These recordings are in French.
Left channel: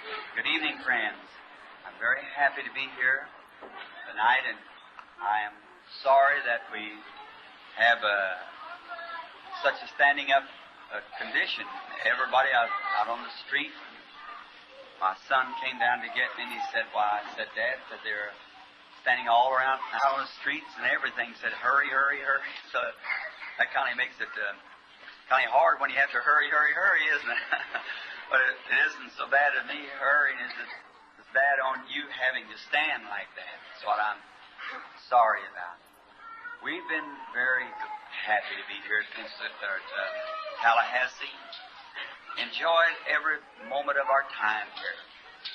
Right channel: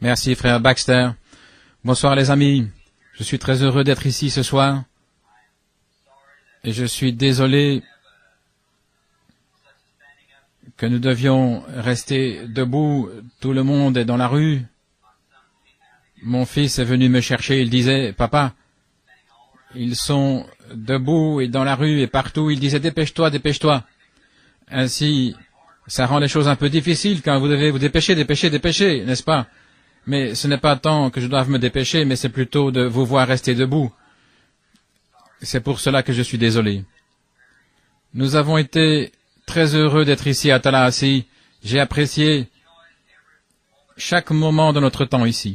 Merci, frère Baxter. Bonsoir, les amis. Je suis très heureux d'être ici ce soir. Et je suis désolé que nous devions rester debout. Tout le monde est dans la rue. Mon fils est venu me chercher. Il disait, « Papa, ils sont debout et dans la rue et partout. » Il disait, « Dépêche-toi, dépêche-toi. » Ainsi, ça rend les choses un peu difficiles quand vous devez vous dépêcher, n'est-ce pas? Mais ce n'est pas tant que je doive me dépêcher, mais c'est plutôt de vous voir rester debout. C'est pour cela que je suis désolé. Nous avons été très heureux d'être ici à Tallahassee. J'ai apprécié chaque moment de notre temps ici.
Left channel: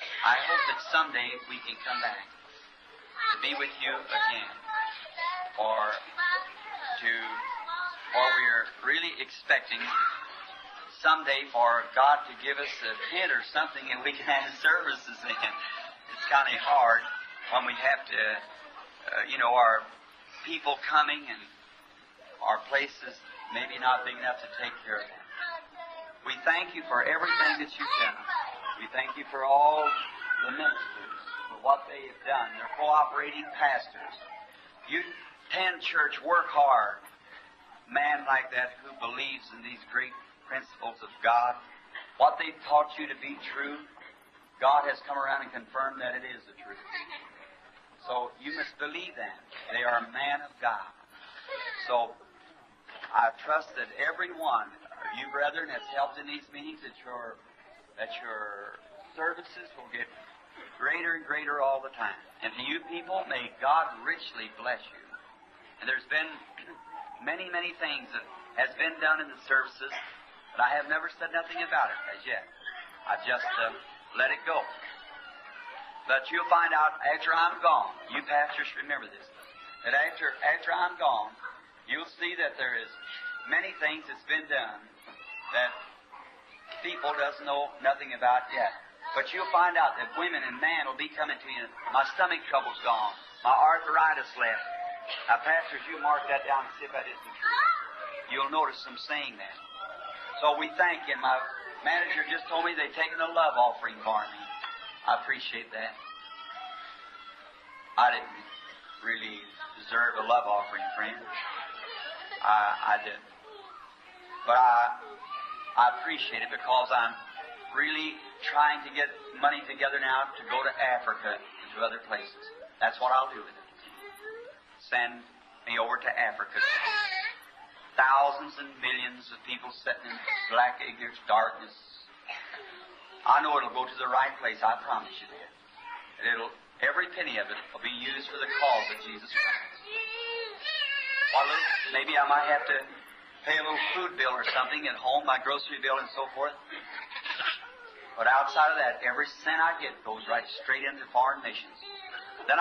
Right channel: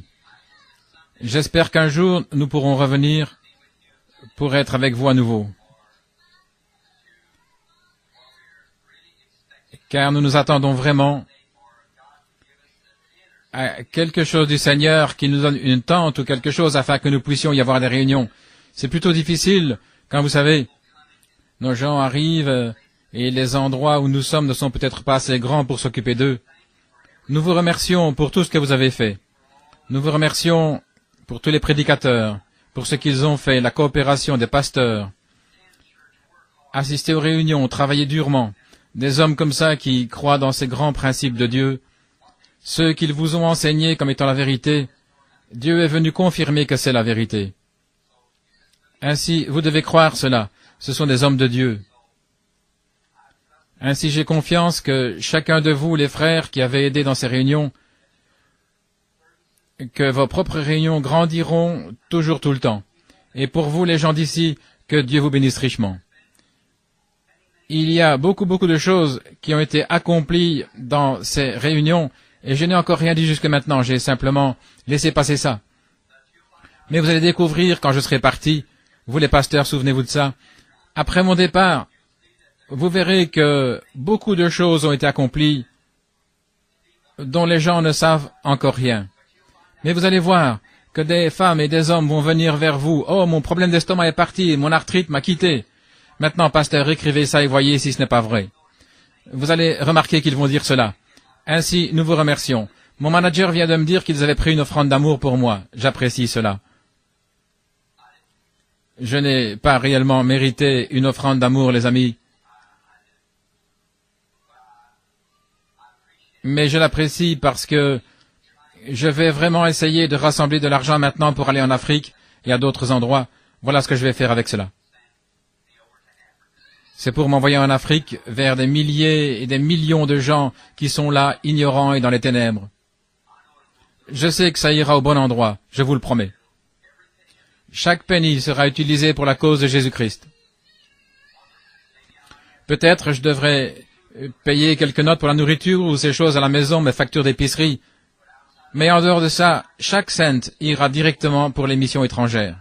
J'espère qu'un jour, nous pourrons revenir pour être avec vous à nouveau. Car nous nous attendons vraiment à quelque chose du Seigneur qui nous donne une tente ou quelque chose afin que nous puissions y avoir des réunions. C'est plutôt difficile quand vous savez, nos gens arrivent et les endroits où nous sommes ne sont peut-être pas assez grands pour s'occuper d'eux. Nous vous remercions pour tout ce que vous avez fait. Nous vous remercions pour tous les prédicateurs, pour ce qu'ils ont fait, la coopération des pasteurs, assister aux réunions, travailler durement, des hommes comme ça qui croient dans ces grands principes de Dieu, ceux qu'ils vous ont enseignés comme étant la vérité. Dieu est venu confirmer que c'est la vérité. Ainsi, vous devez croire cela. Ce sont des hommes de Dieu. Ainsi, j'ai confiance que chacun de vous, les frères qui avez aidé dans ces réunions, que vos propres réunions grandiront toujours tout le temps. Et pour vous, les gens d'ici, que Dieu vous bénisse richement. Il y a beaucoup de choses qui ont été accomplies dans ces réunions, et je n'ai encore rien dit jusque maintenant, j'ai simplement laissé passer ça. Mais vous allez découvrir quand je serai parti, vous les pasteurs, souvenez-vous de ça, après mon départ, vous verrez que beaucoup de choses ont été accomplies dont les gens ne savent encore rien. Mais vous allez voir que des femmes et des hommes vont venir vers vous. « Oh, mon problème d'estomac est parti, mon arthrite m'a quitté. » Maintenant, pasteur, écrivez ça et voyez si ce n'est pas vrai. Vous allez remarquer qu'ils vont dire cela. Ainsi, nous vous remercions. Mon manager vient de me dire qu'ils avaient pris une offrande d'amour pour moi. J'apprécie cela. Je n'ai pas réellement mérité une offrande d'amour, les amis. Mais je l'apprécie parce que je vais vraiment essayer de rassembler de l'argent maintenant pour aller en Afrique et à d'autres endroits. Voilà ce que je vais faire avec cela. C'est pour m'envoyer en Afrique vers des milliers et des millions de gens qui sont là, ignorants et dans les ténèbres. Je sais que ça ira au bon endroit, je vous le promets. Chaque penny sera utilisé pour la cause de Jésus-Christ. Peut-être je devrais payer quelques notes pour la nourriture ou ces choses à la maison, mes factures d'épicerie. Mais en dehors de ça, chaque cent ira directement pour les missions étrangères.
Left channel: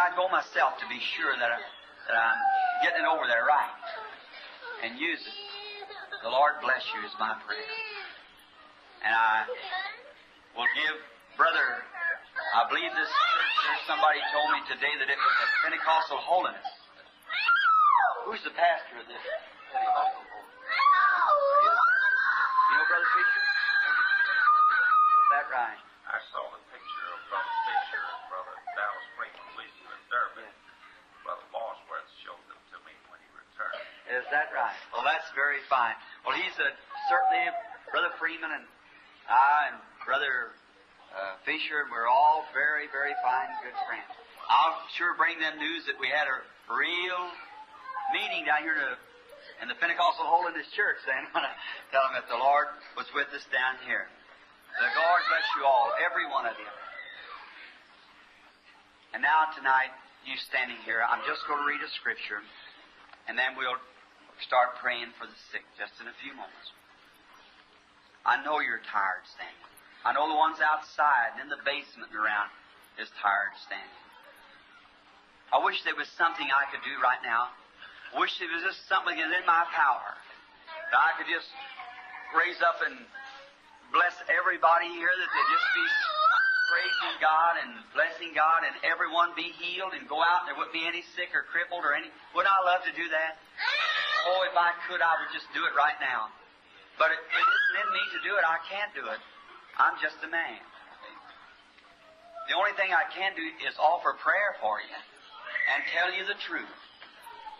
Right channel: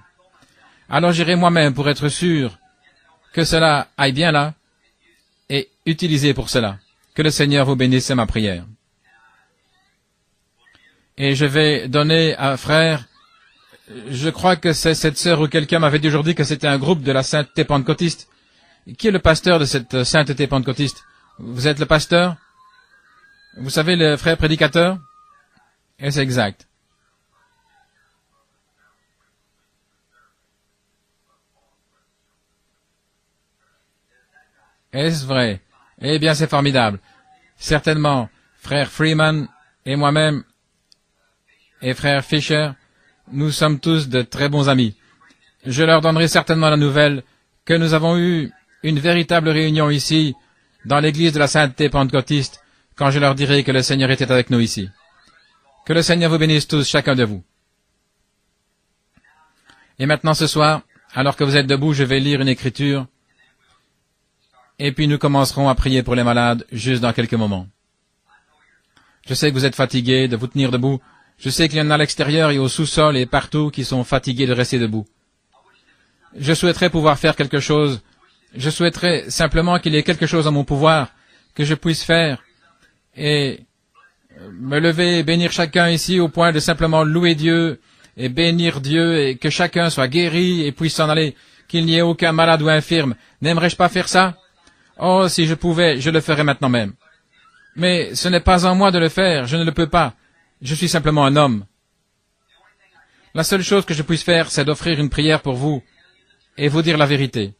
Alors j'irai moi-même pour être sûr que cela aille bien là et utilisé pour cela. Que le Seigneur vous bénisse, c'est ma prière. Et je vais donner à frère, je crois que c'est cette sœur ou quelqu'un m'avait dit aujourd'hui que c'était un groupe de la sainteté pentecôtiste. Qui est le pasteur de cette sainteté pentecôtiste? Vous êtes le pasteur? Vous savez, le frère prédicateur? Et c'est exact. Est-ce vrai? Eh bien, c'est formidable. Certainement, frère Freeman et moi-même et frère Fisher, nous sommes tous de très bons amis. Je leur donnerai certainement la nouvelle que nous avons eu une véritable réunion ici, dans l'église de la sainteté pentecôtiste, quand je leur dirai que le Seigneur était avec nous ici. Que le Seigneur vous bénisse tous, chacun de vous. Et maintenant ce soir, alors que vous êtes debout, je vais lire une écriture, et puis nous commencerons à prier pour les malades, juste dans quelques moments. Je sais que vous êtes fatigués de vous tenir debout. Je sais qu'il y en a à l'extérieur et au sous-sol et partout qui sont fatigués de rester debout. Je souhaiterais pouvoir faire quelque chose. Je souhaiterais simplement qu'il y ait quelque chose en mon pouvoir que je puisse faire et me lever et bénir chacun ici au point de simplement louer Dieu et bénir Dieu et que chacun soit guéri et puisse s'en aller, qu'il n'y ait aucun malade ou infirme. N'aimerais-je pas faire ça? Oh, si je pouvais, je le ferais maintenant même. Mais ce n'est pas en moi de le faire, je ne le peux pas. Je suis simplement un homme. La seule chose que je puisse faire, c'est d'offrir une prière pour vous et vous dire la vérité.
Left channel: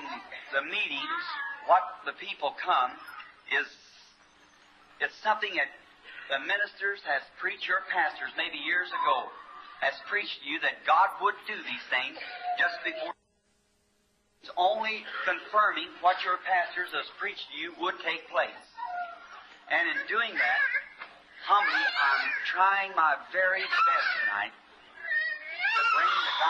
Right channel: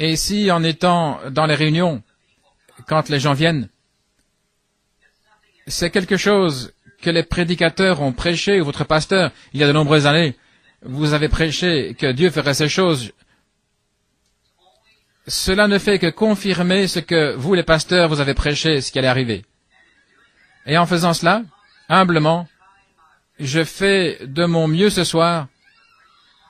Et si, en étant dans les réunions, quand les gens viennent, c'est quelque chose que les prédicateurs ont prêché, ou votre pasteur, il y a de nombreuses années, vous avez prêché que Dieu ferait ces choses. Cela ne fait que confirmer ce que vous, les pasteurs, vous avez prêché, ce qui allait arriver. Et en faisant cela, humblement, je fais de mon mieux ce soir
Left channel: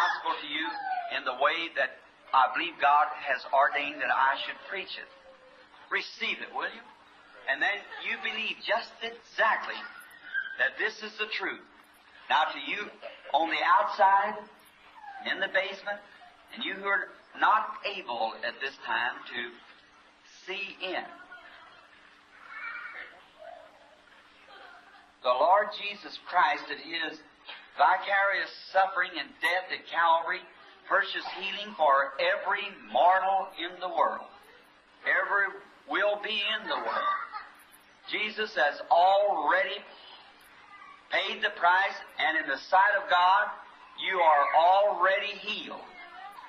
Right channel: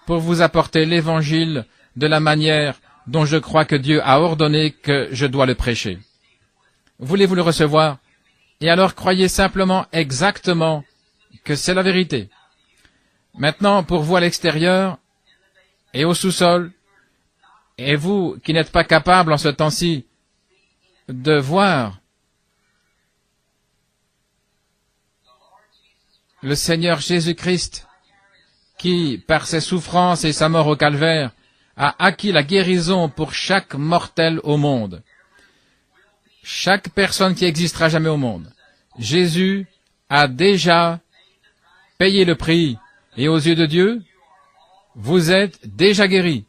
pour vous apporter l'Évangile de la manière dont je crois que Dieu a ordonné que je dois le prêcher. Voulez-vous le recevoir? Et alors croyez simplement exactement que c'est la vérité. Maintenant, pour vous à l'extérieur et au sous-sol, et vous qui n'êtes pas capable en ce temps-ci de voir le Seigneur Jésus-Christ qui, par ses souffrances et sa mort au calvaire, a acquis la guérison pour chaque mortel au monde. Chaque personne qui existera jamais au monde. Jésus a déjà payé le prix. Et aux yeux de Dieu, vous êtes déjà guéris.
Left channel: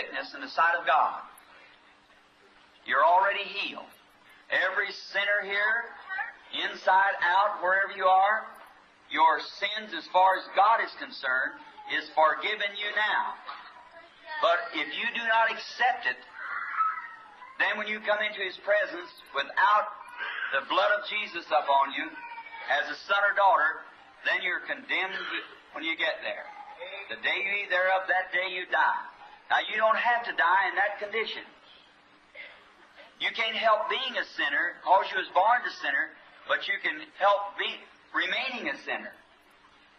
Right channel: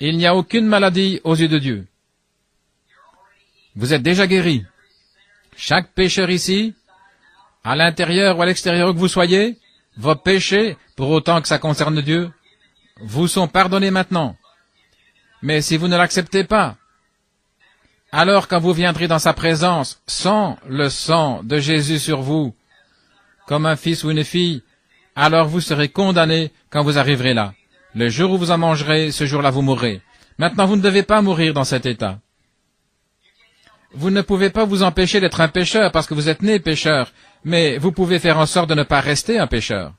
Il n'y a aucune maladie aux yeux de Dieu. Vous êtes déjà guéris. Chaque pécheur ici, à l'intérieur ou à l'extérieur que vous soyez, vos péchés, pour autant que ça concerne Dieu, vous sont pardonnés maintenant. Mais si vous ne l'acceptez pas, alors quand vous viendrez dans sa présence, sans le sang de Jésus sur vous, comme un fils ou une fille, alors vous serez condamnés quand vous arriverez là. Le jour où vous en mangerez, ce jour-là vous mourrez. Maintenant, vous ne devez pas mourir dans cet état. Vous ne pouvez pas vous empêcher d'être un pécheur parce que vous êtes né pécheur, mais vous pouvez faire en sorte de ne pas rester un pécheur.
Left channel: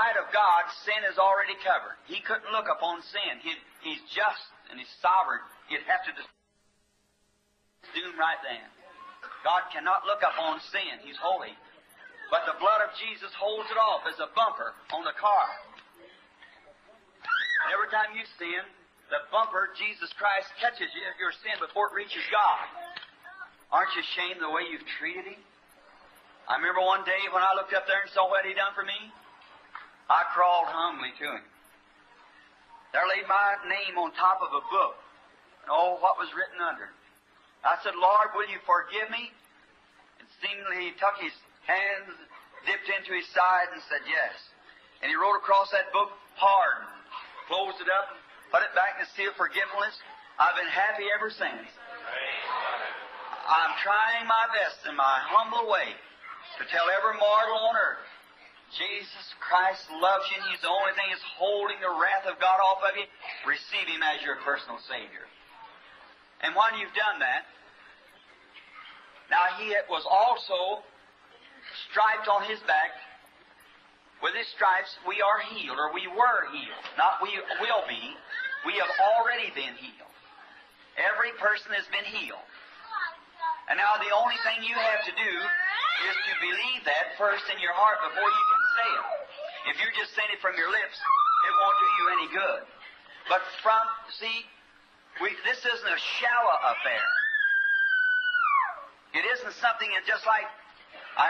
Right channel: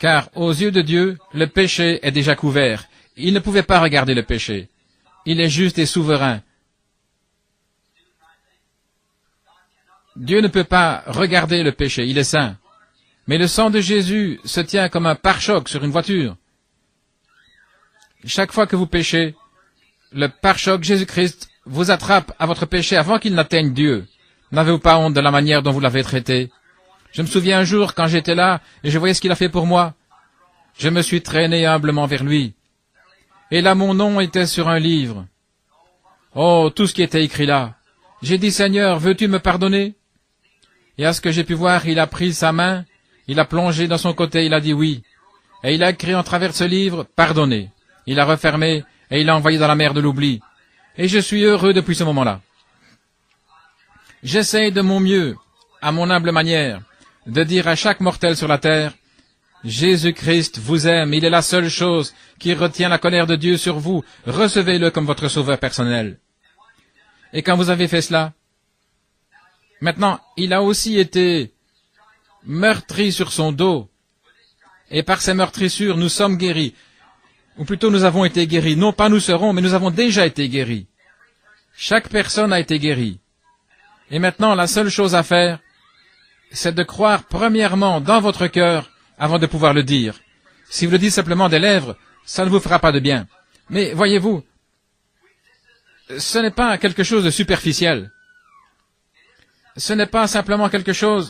Car aux yeux de Dieu, le péché est déjà couvert. Il ne pouvait pas regarder le péché. Il est juste et souverain. Dieu ne peut pas regarder le péché, il est saint. Mais le sang de Jésus se tient comme un pare-choc sur une voiture. Chaque fois que vous péchez, le pare-choc Jésus-Christ vous attrape à votre péché avant qu'il n'atteigne Dieu. N'avez-vous pas honte de la manière dont vous l'avez traité? Je me souviens un jour quand j'étais là et je voyais ce qu'il a fait pour moi. Je me suis traîné humblement vers lui. Et là, mon nom était sur un livre. Oh, tout ce qui était écrit là. J'ai dit, Seigneur, veux-tu me pardonner? Et à ce que j'ai pu voir, il a pris sa main, il a plongé dans son côté, il a dit oui. Et il a écrit en travers de ce livre, pardonnez. Il a refermé et il l'a envoyé dans la mer de l'oubli. Et je suis heureux depuis ce moment-là. J'essaie de mon mieux, à mon humble manière, de dire à chaque mortel sur la terre, Jésus-Christ vous aime, il est la seule chose qui retient la colère de Dieu sur vous. Recevez-le comme votre sauveur personnel. Et quand vous avez fait cela, maintenant, il a aussi été meurtri sur son dos. Et par ces meurtrissures, nous sommes guéris. Ou plutôt, nous avons été guéris. Non pas nous serons, mais nous avons déjà été guéris. Chaque personne a été guérie. Et maintenant, la seule chose à faire, c'est de croire premièrement dans votre cœur avant de pouvoir le dire. Si vous le dites simplement des lèvres, ça ne vous fera pas de bien. Mais voyez-vous, ce n'est pas quelque chose de superficiel. Ce n'est pas simplement quelque chose...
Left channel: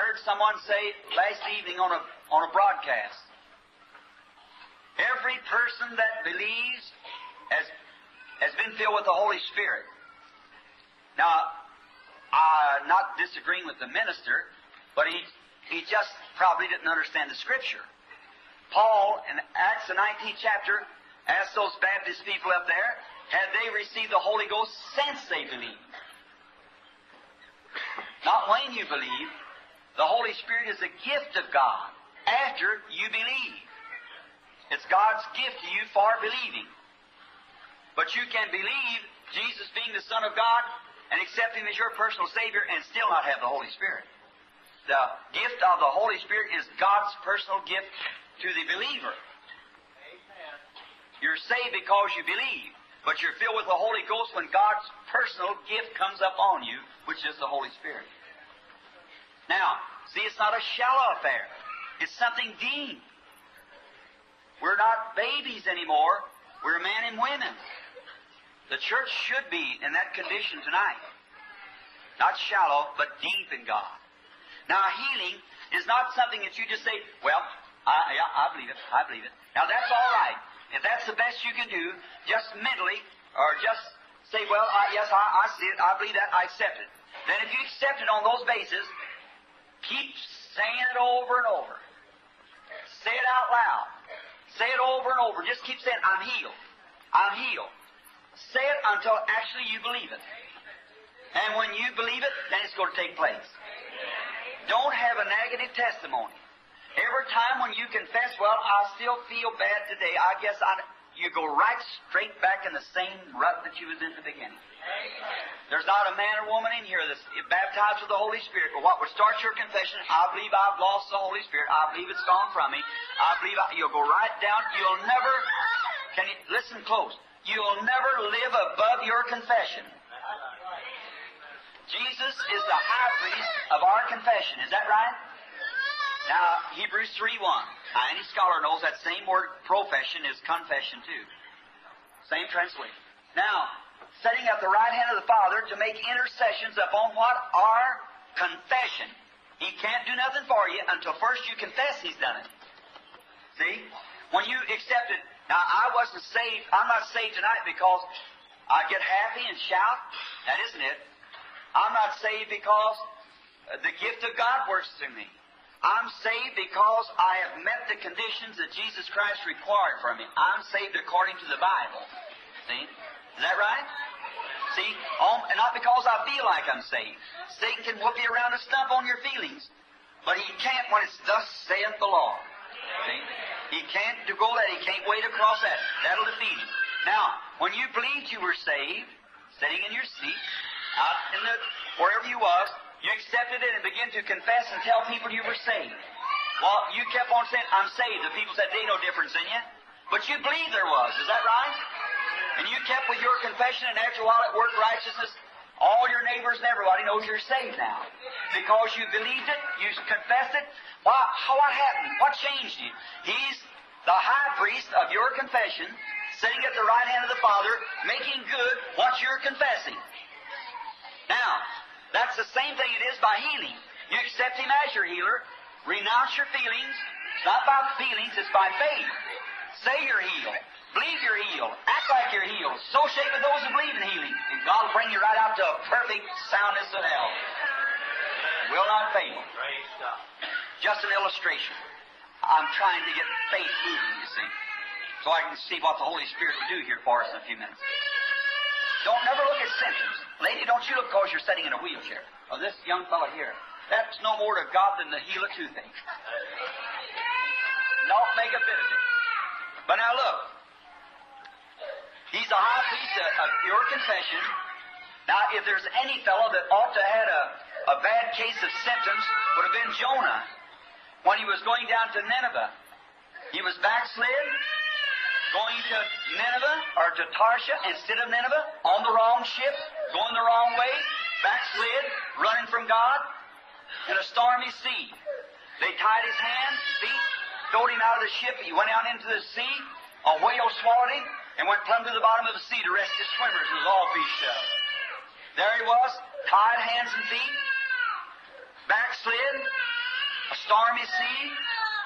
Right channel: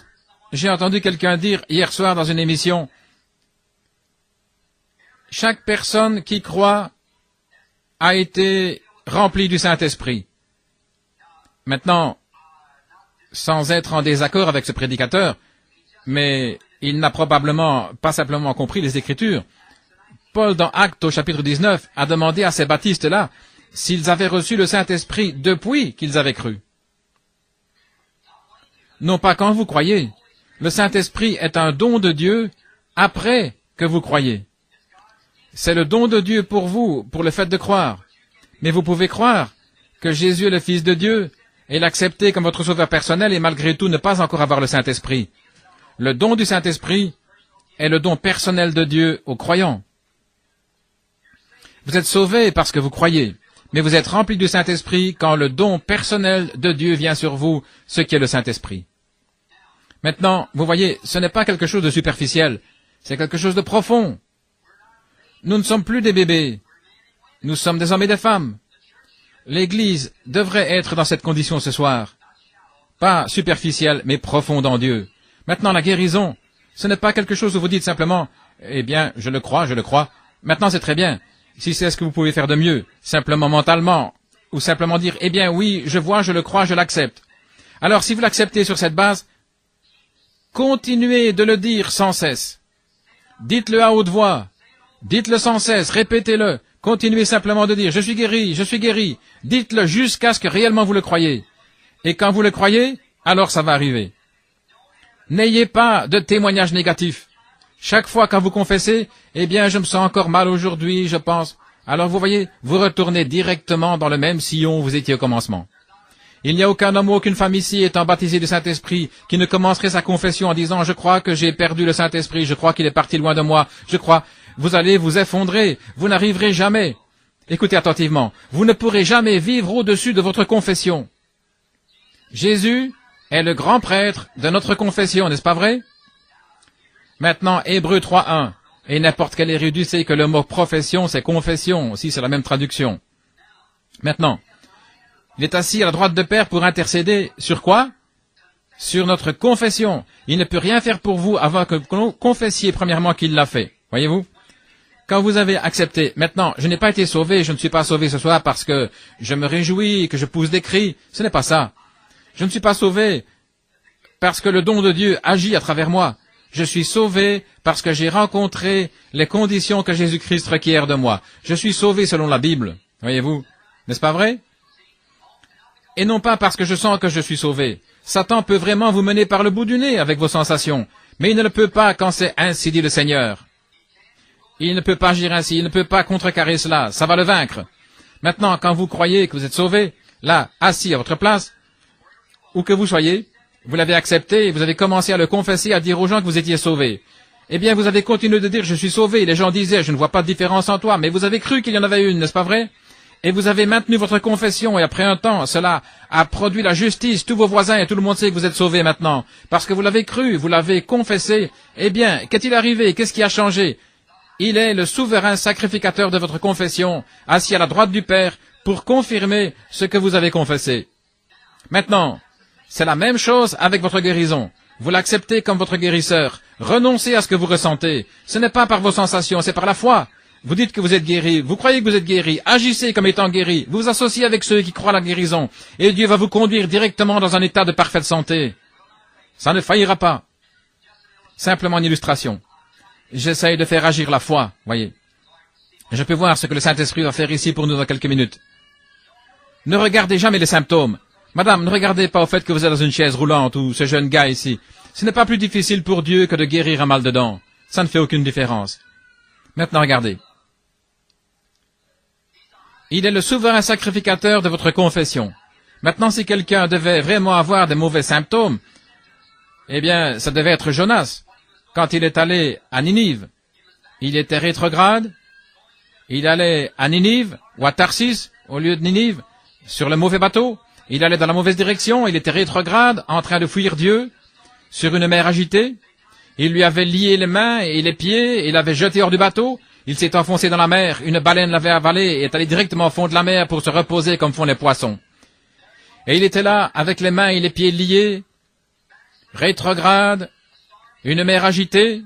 J'ai entendu quelqu'un dire hier soir dans une émission, chaque personne qui croit a été remplie du Saint-Esprit. Maintenant, sans être en désaccord avec ce prédicateur, mais il n'a probablement pas simplement compris les Écritures. Paul, dans Actes au chapitre 19, a demandé à ces baptistes-là s'ils avaient reçu le Saint-Esprit depuis qu'ils avaient cru. Non pas quand vous croyez. Le Saint-Esprit est un don de Dieu après que vous croyez. C'est le don de Dieu pour vous, pour le fait de croire. Mais vous pouvez croire que Jésus est le Fils de Dieu et l'accepter comme votre sauveur personnel et malgré tout ne pas encore avoir le Saint-Esprit. Le don du Saint-Esprit est le don personnel de Dieu aux croyants. Vous êtes sauvés parce que vous croyez, mais vous êtes remplis du Saint-Esprit quand le don personnel de Dieu vient sur vous, ce qui est le Saint-Esprit. Maintenant, vous voyez, ce n'est pas quelque chose de superficiel, c'est quelque chose de profond. Nous ne sommes plus des bébés. Nous sommes des hommes et des femmes. L'Église devrait être dans cette condition ce soir. Pas superficielle, mais profonde en Dieu. Maintenant, la guérison, ce n'est pas quelque chose où vous dites simplement, « Eh bien, je le crois, je le crois. » Maintenant, c'est très bien. Si c'est ce que vous pouvez faire de mieux, simplement mentalement, ou simplement dire, « Eh bien, oui, je vois, je le crois, je l'accepte. » Alors, si vous l'acceptez sur cette base, continuez de le dire sans cesse. Dites-le à haute voix. Dites-le sans cesse, répétez-le. Continuez simplement de dire, je suis guéri, je suis guéri. Dites-le jusqu'à ce que réellement vous le croyez. Et quand vous le croyez, alors ça va arriver. N'ayez pas de témoignages négatifs. Chaque fois quand vous confessez, eh bien, je me sens encore mal aujourd'hui, je pense. Alors vous voyez, vous retournez directement dans le même sillon où vous étiez au commencement. Il n'y a aucun homme ou aucune femme ici étant baptisé du Saint-Esprit qui ne commencerait sa confession en disant « Je crois que j'ai perdu le Saint-Esprit, je crois qu'il est parti loin de moi, je crois... » Vous allez vous effondrer, vous n'arriverez jamais. Écoutez attentivement, vous ne pourrez jamais vivre au-dessus de votre confession. Jésus est le grand prêtre de notre confession, n'est-ce pas vrai? Maintenant, Hébreux 3.1. Et n'importe quel érudit sait que le mot profession, c'est confession, si c'est la même traduction. Maintenant, il est assis à la droite de Père pour intercéder sur quoi? Sur notre confession. Il ne peut rien faire pour vous avant que vous confessiez premièrement qu'il l'a fait. Voyez-vous? Quand vous avez accepté, maintenant, je n'ai pas été sauvé, je ne suis pas sauvé ce soir parce que je me réjouis, que je pousse des cris. Ce n'est pas ça. Je ne suis pas sauvé parce que le don de Dieu agit à travers moi. Je suis sauvé parce que j'ai rencontré les conditions que Jésus-Christ requiert de moi. Je suis sauvé selon la Bible. Voyez-vous? N'est-ce pas vrai? Et non pas parce que je sens que je suis sauvé. Satan peut vraiment vous mener par le bout du nez avec vos sensations. Mais il ne le peut pas quand c'est ainsi dit le Seigneur. Il ne peut pas agir ainsi, il ne peut pas contrecarrer cela. Ça va le vaincre. Maintenant, quand vous croyez que vous êtes sauvé, là, assis à votre place, où que vous soyez, vous l'avez accepté, vous avez commencé à le confesser, à dire aux gens que vous étiez sauvés. Eh bien, vous avez continué de dire, je suis sauvé. Les gens disaient, je ne vois pas de différence en toi, mais vous avez cru qu'il y en avait une, n'est-ce pas vrai? Et vous avez maintenu votre confession, et après un temps, cela a produit la justice. Tous vos voisins et tout le monde sait que vous êtes sauvés maintenant. Parce que vous l'avez cru, vous l'avez confessé. Eh bien, qu'est-il arrivé? Qu'est-ce qui a changé? Il est le souverain sacrificateur de votre confession, assis à la droite du Père, pour confirmer ce que vous avez confessé. Maintenant, c'est la même chose avec votre guérison. Vous l'acceptez comme votre guérisseur. Renoncez à ce que vous ressentez. Ce n'est pas par vos sensations, c'est par la foi. Vous dites que vous êtes guéri, vous croyez que vous êtes guéri, agissez comme étant guéri, vous vous associez avec ceux qui croient à la guérison, et Dieu va vous conduire directement dans un état de parfaite santé. Ça ne faillira pas. Simplement une illustration. J'essaye de faire agir la foi, voyez. Je peux voir ce que le Saint-Esprit va faire ici pour nous dans quelques minutes. Ne regardez jamais les symptômes. Madame, ne regardez pas au fait que vous êtes dans une chaise roulante ou ce jeune gars ici. Ce n'est pas plus difficile pour Dieu que de guérir un mal de dents. Ça ne fait aucune différence. Maintenant, regardez. Il est le souverain sacrificateur de votre confession. Maintenant, si quelqu'un devait vraiment avoir des mauvais symptômes, eh bien, ça devait être Jonas. Quand il est allé à Ninive, il était rétrograde. Il allait à Ninive ou à Tarsis au lieu de Ninive, sur le mauvais bateau. Il allait dans la mauvaise direction, il était rétrograde, en train de fuir Dieu, sur une mer agitée. Il lui avait lié les mains et les pieds, et l'avait jeté hors du bateau. Il s'est enfoncé dans la mer, une baleine l'avait avalé et est allé directement au fond de la mer pour se reposer comme font les poissons. Et il était là, avec les mains et les pieds liés, rétrograde, une mer agitée,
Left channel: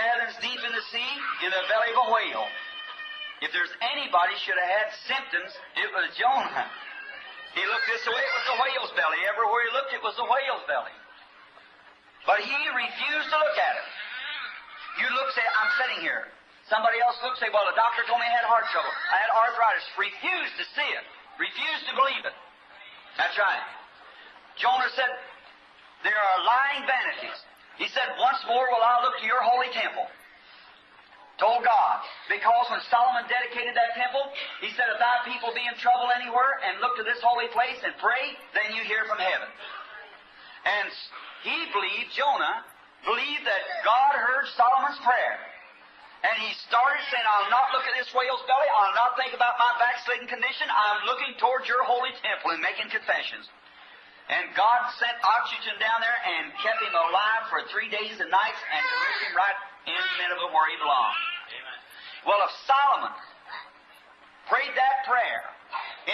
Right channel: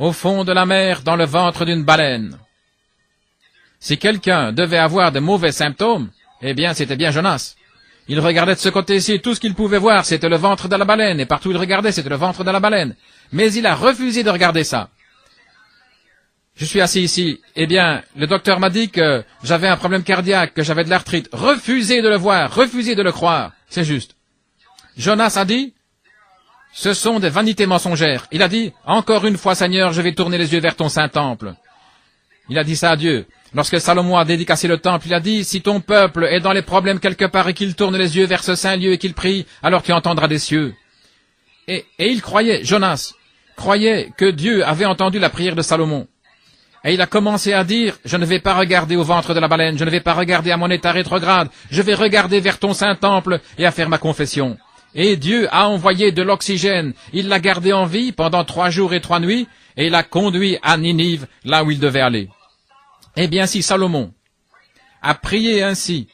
au fond de la mer, dans le ventre d'une baleine. Si quelqu'un devait avoir de mauvais symptômes, eh bien, c'était bien Jonas. Il regardait de ce côté-ci, tout ce qu'il pouvait voir, c'était le ventre de la baleine, et partout où il regardait, c'était le ventre de la baleine. Mais il a refusé de regarder ça. Je suis assis ici. Eh bien, le docteur m'a dit que j'avais un problème cardiaque, que j'avais de l'arthrite. Refusez de le voir, refusez de le croire. C'est juste. Jonas a dit, ce sont des vanités mensongères. Il a dit, encore une fois, Seigneur, je vais tourner les yeux vers ton Saint-Temple. Il a dit ça à Dieu. Lorsque Salomon a dédicacé le temple, il a dit, si ton peuple est dans les problèmes quelque part et qu'il tourne les yeux vers ce saint lieu et qu'il prie, alors tu entendras des cieux. Et il croyait, Jonas, croyait que Dieu avait entendu la prière de Salomon. Et il a commencé à dire, je ne vais pas regarder au ventre de la baleine, je ne vais pas regarder à mon état rétrograde, je vais regarder vers ton Saint-Temple et à faire ma confession. Et Dieu a envoyé de l'oxygène, il l'a gardé en vie pendant 3 jours et 3 nuits, et il l'a conduit à Ninive, là où il devait aller. Eh bien, si Salomon à prier ainsi.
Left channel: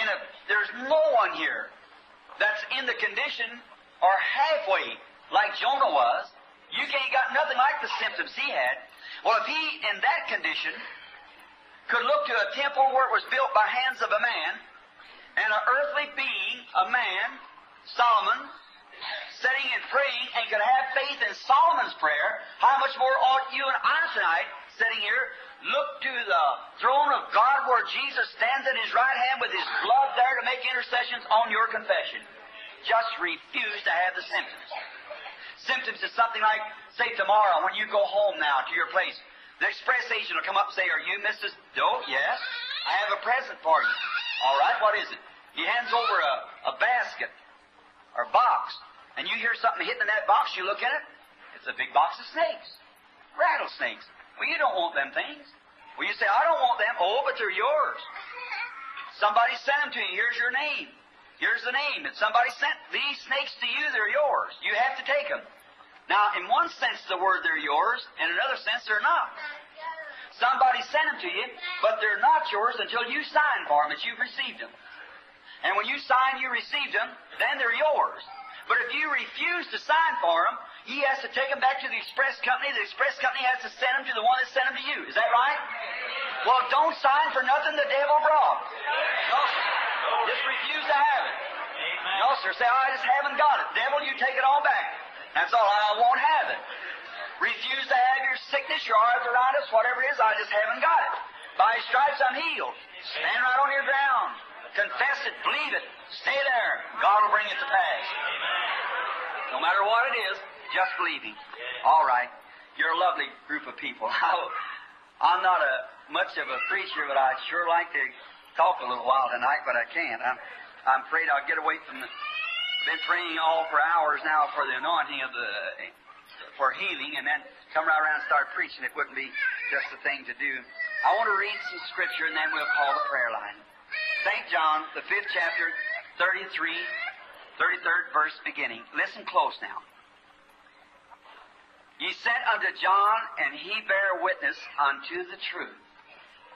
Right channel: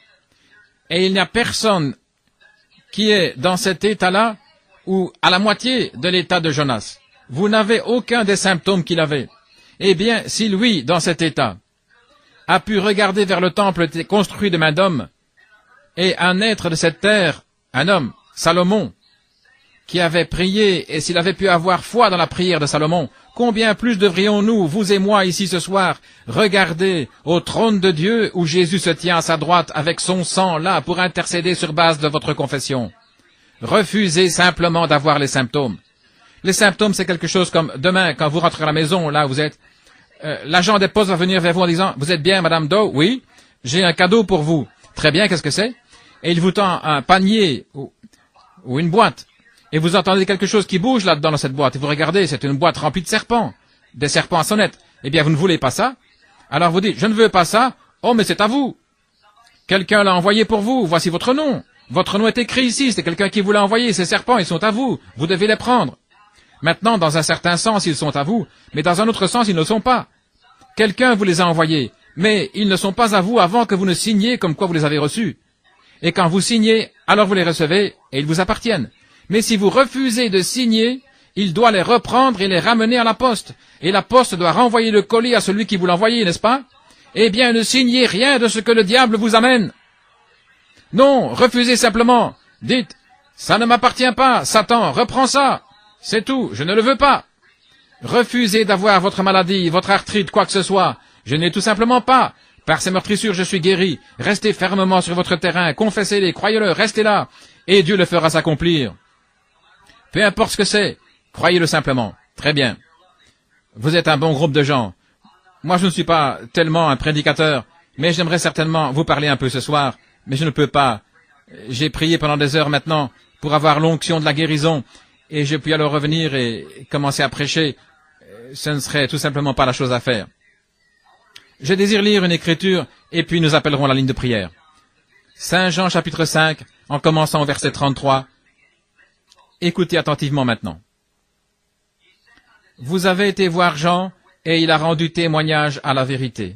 Et il n'y a personne qui est dans cet état-là ou à la moitié de l'état de Jonas. Vous n'avez aucun des symptômes qu'il avait. Eh bien, si lui, dans cet état, a pu regarder vers le temple construit de main d'homme, et un être de cette terre, un homme, Salomon, qui avait prié, et s'il avait pu avoir foi dans la prière de Salomon, combien plus devrions-nous, vous et moi ici ce soir, regarder au trône de Dieu où Jésus se tient à sa droite avec son sang là pour intercéder sur base de votre confession. Refusez simplement d'avoir les symptômes. Les symptômes, c'est quelque chose comme demain, quand vous rentrez à la maison, là vous êtes, l'agent des postes va venir vers vous en disant, vous êtes bien, Madame Doe? Oui, j'ai un cadeau pour vous. Très bien, qu'est-ce que c'est? Et il vous tend un panier ou une boîte. Et vous entendez quelque chose qui bouge là-dedans dans cette boîte. Et vous regardez, c'est une boîte remplie de serpents. Des serpents à sonnette. Eh bien, vous ne voulez pas ça? Alors vous dites, je ne veux pas ça. Oh, mais c'est à vous. Quelqu'un l'a envoyé pour vous. Voici votre nom. Votre nom est écrit ici. C'est quelqu'un qui vous l'a envoyé. Ces serpents, ils sont à vous. Vous devez les prendre. Maintenant, dans un certain sens, ils sont à vous. Mais dans un autre sens, ils ne le sont pas. Quelqu'un vous les a envoyés. Mais ils ne sont pas à vous avant que vous ne signiez comme quoi vous les avez reçus. Et quand vous signez, alors vous les recevez et ils vous appartiennent. Mais si vous refusez de signer, il doit les reprendre et les ramener à la poste. Et la poste doit renvoyer le colis à celui qui vous l'a envoyé, n'est-ce pas? Eh bien, ne signez rien de ce que le diable vous amène. Non, refusez simplement. Dites, ça ne m'appartient pas, Satan, reprends ça. C'est tout, je ne le veux pas. Refusez d'avoir votre maladie, votre arthrite, quoi que ce soit. Je n'ai tout simplement pas. Par ces meurtrissures, je suis guéri. Restez fermement sur votre terrain, confessez-les, croyez-le, restez là. Et Dieu le fera s'accomplir. Peu importe ce que c'est, croyez-le simplement. Très bien. Vous êtes un bon groupe de gens. Moi, je ne suis pas tellement un prédicateur, mais j'aimerais certainement vous parler un peu ce soir, mais je ne peux pas. J'ai prié pendant des heures maintenant pour avoir l'onction de la guérison, et je puis alors revenir et commencer à prêcher. Ce ne serait tout simplement pas la chose à faire. Je désire lire une écriture, et puis nous appellerons la ligne de prière. Saint Jean chapitre 5, en commençant au verset 33. Écoutez attentivement maintenant. Vous avez été voir Jean, et il a rendu témoignage à la vérité.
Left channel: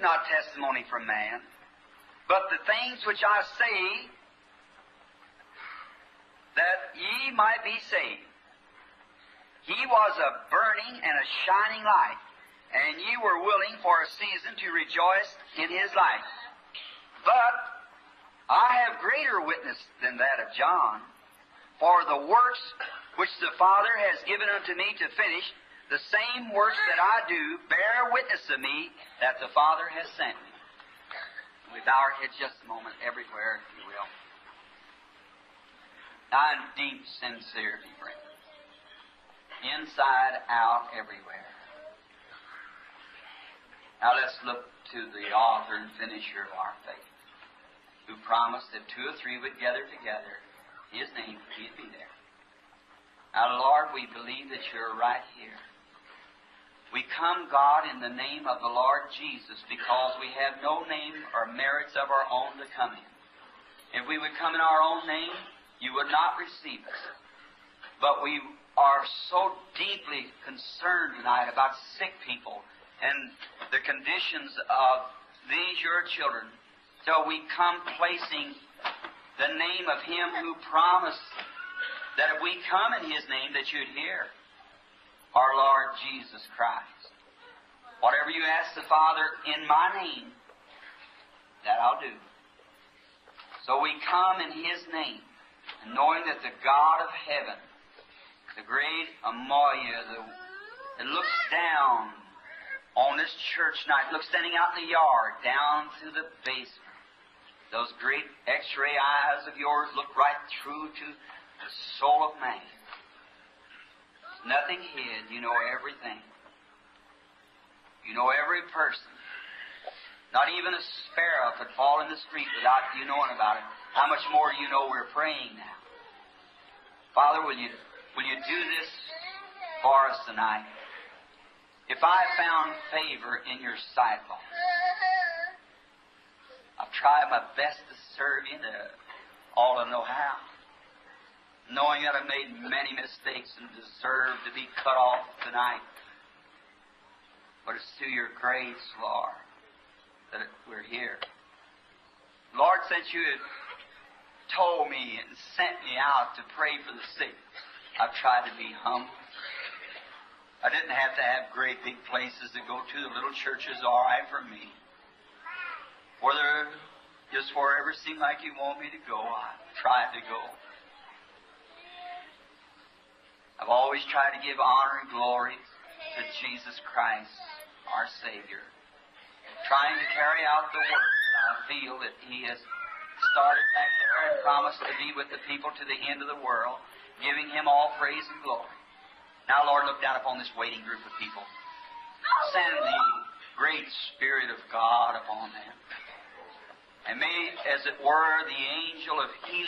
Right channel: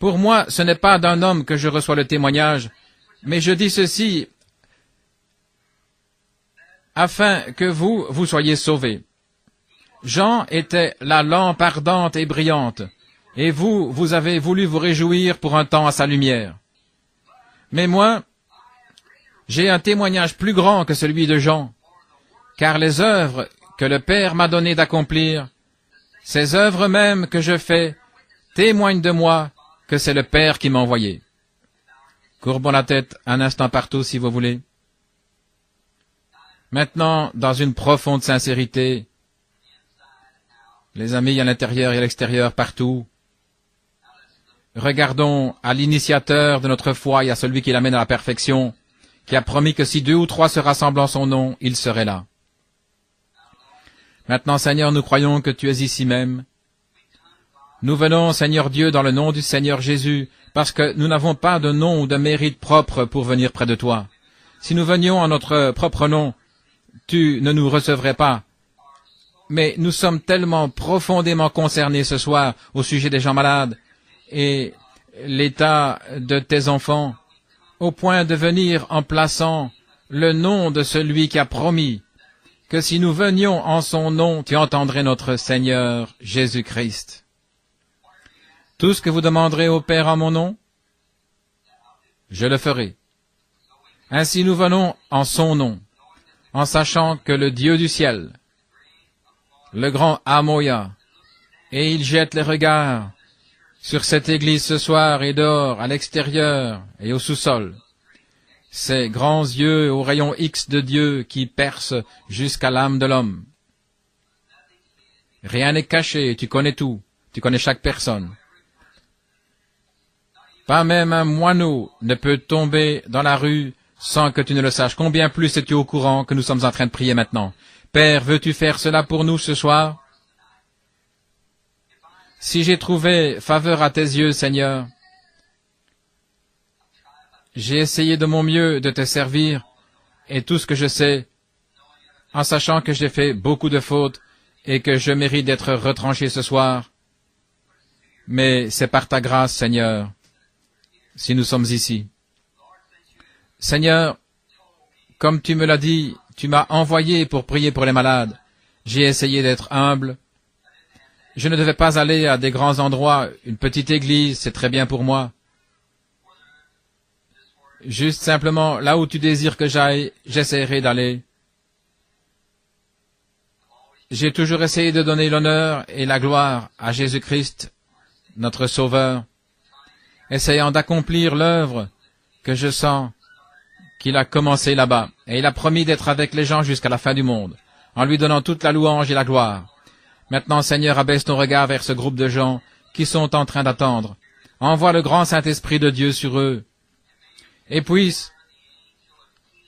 Pour moi, ce n'est pas d'un homme que je reçois le témoignage, mais je dis ceci afin que vous soyez sauvés. Jean était la lampe ardente et brillante, et vous avez voulu vous réjouir pour un temps à sa lumière. Mais moi, j'ai un témoignage plus grand que celui de Jean, car les œuvres que le Père m'a donné d'accomplir, ces œuvres mêmes que je fais, témoignent de moi que c'est le Père qui m'a envoyé. Courbons la tête un instant partout si vous voulez. Maintenant, dans une profonde sincérité, les amis à l'intérieur et à l'extérieur, partout, regardons à l'initiateur de notre foi et à celui qui l'amène à la perfection, qui a promis que si 2 ou 3 se rassemblent en son nom, il serait là. Maintenant, Seigneur, nous croyons que tu es ici même. Nous venons, Seigneur Dieu, dans le nom du Seigneur Jésus, parce que nous n'avons pas de nom ou de mérite propre pour venir près de toi. Si nous venions en notre propre nom, tu ne nous recevrais pas. Mais nous sommes tellement profondément concernés ce soir au sujet des gens malades et l'état de tes enfants, au point de venir en plaçant le nom de celui qui a promis que si nous venions en son nom, tu entendrais notre Seigneur Jésus-Christ. Tout ce que vous demanderez au Père en mon nom, je le ferai. Ainsi nous venons en son nom, en sachant que le Dieu du ciel, le grand Amoya, et il jette les regards sur cette église ce soir et dehors, à l'extérieur et au sous-sol. Ces grands yeux au rayon X de Dieu qui percent jusqu'à l'âme de l'homme. Rien n'est caché, tu connais tout, tu connais chaque personne. Pas même un moineau ne peut tomber dans la rue sans que tu ne le saches. Combien plus es-tu au courant que nous sommes en train de prier maintenant? Père, veux-tu faire cela pour nous ce soir? Si j'ai trouvé faveur à tes yeux, Seigneur, j'ai essayé de mon mieux de te servir, et tout ce que je sais, en sachant que j'ai fait beaucoup de fautes et que je mérite d'être retranché ce soir, mais c'est par ta grâce, Seigneur, si nous sommes ici. Seigneur, comme tu me l'as dit, tu m'as envoyé pour prier pour les malades. J'ai essayé d'être humble. Je ne devais pas aller à des grands endroits. Une petite église, c'est très bien pour moi. Juste simplement, là où tu désires que j'aille, j'essaierai d'aller. J'ai toujours essayé de donner l'honneur et la gloire à Jésus-Christ, notre Sauveur, essayant d'accomplir l'œuvre que je sens qu'il a commencé là-bas. Et il a promis d'être avec les gens jusqu'à la fin du monde, en lui donnant toute la louange et la gloire. Maintenant, Seigneur, abaisse ton regard vers ce groupe de gens qui sont en train d'attendre. Envoie le grand Saint-Esprit de Dieu sur eux. Et puisse,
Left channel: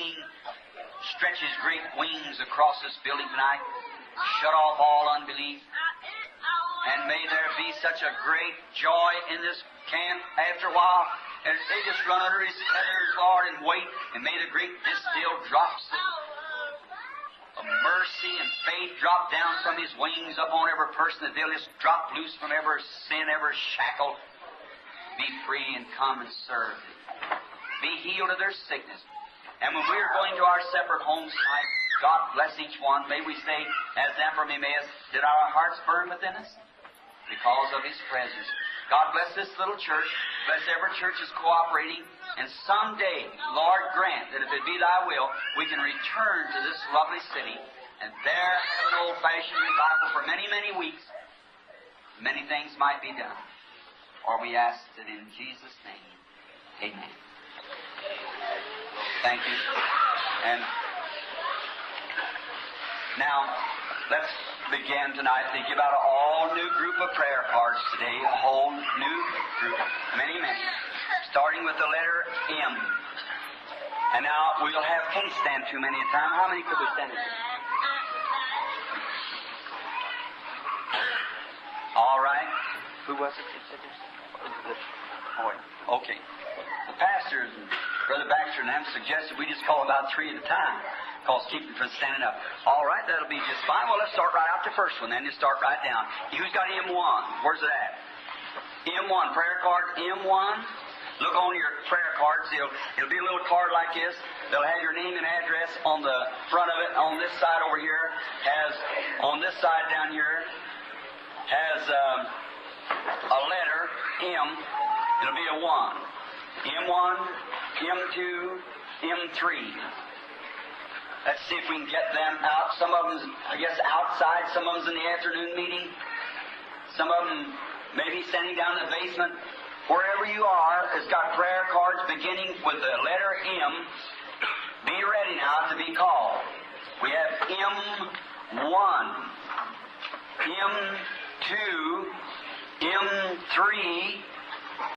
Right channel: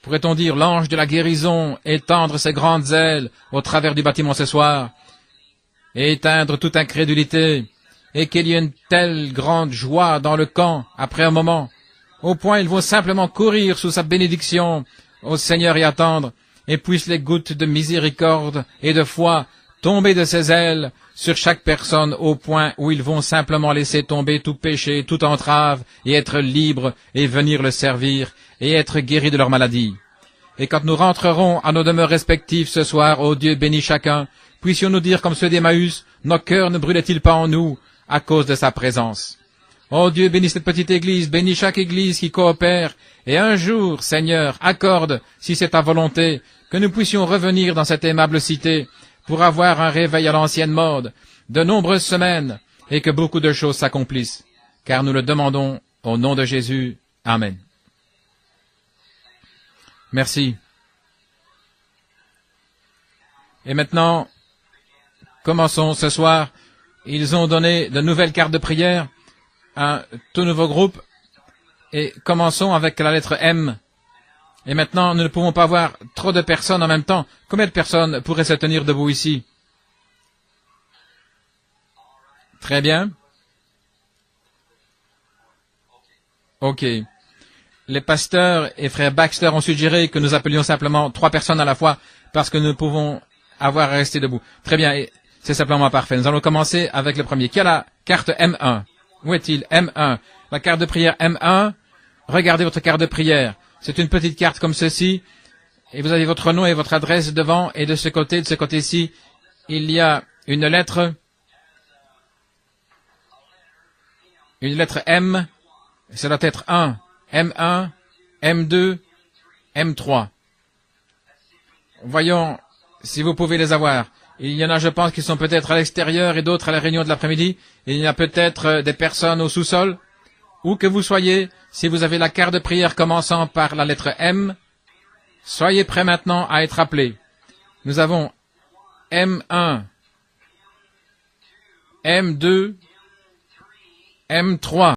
pourrait-on dire, l'ange de la guérison étendre ses grandes ailes au travers du bâtiment ce soir et éteindre toute incrédulité, et qu'il y ait une telle grande joie dans le camp après un moment, au point ils vont simplement courir sous sa bénédiction au Seigneur et attendre, et puissent les gouttes de miséricorde et de foi tomber de ses ailes sur chaque personne au point où ils vont simplement laisser tomber tout péché, toute entrave, et être libres et venir le servir et être guéris de leur maladie. Et quand nous rentrerons à nos demeures respectives ce soir, ô Dieu bénis chacun, puissions-nous dire comme ceux d'Emmaüs, nos cœurs ne brûlaient-ils pas en nous à cause de sa présence. Ô Dieu, bénis cette petite église, bénis chaque église qui coopère, et un jour, Seigneur, accorde, si c'est ta volonté, que nous puissions revenir dans cette aimable cité pour avoir un réveil à l'ancienne mode, de nombreuses semaines, et que beaucoup de choses s'accomplissent, car nous le demandons au nom de Jésus. Amen. Merci. Et maintenant, commençons ce soir. Ils ont donné de nouvelles cartes de prière, un tout nouveau groupe, et commençons avec la lettre M. Et maintenant, nous ne pouvons pas avoir trop de personnes en même temps. Combien de personnes pourraient se tenir debout ici? Très bien. OK. Les pasteurs et frères Baxter ont suggéré que nous appelions simplement 3 personnes à la fois parce que nous pouvons avoir à rester debout. Très bien, c'est simplement parfait. Nous allons commencer avec le premier. Qui a la carte M1? Où est-il? M1. La carte de prière M1. Regardez votre carte de prière. C'est une petite carte comme ceci. Et vous avez votre nom et votre adresse devant. Et de ce côté-ci, il y a une lettre. Une lettre M. Ça doit être 1. M1, M2, M3. Voyons si vous pouvez les avoir. Il y en a, je pense, qui sont peut-être à l'extérieur et d'autres à la réunion de l'après-midi. Il y a peut-être des personnes au sous-sol. Où que vous soyez, si vous avez la carte de prière commençant par la lettre M, soyez prêts maintenant à être appelés. Nous avons M1, M2, M3.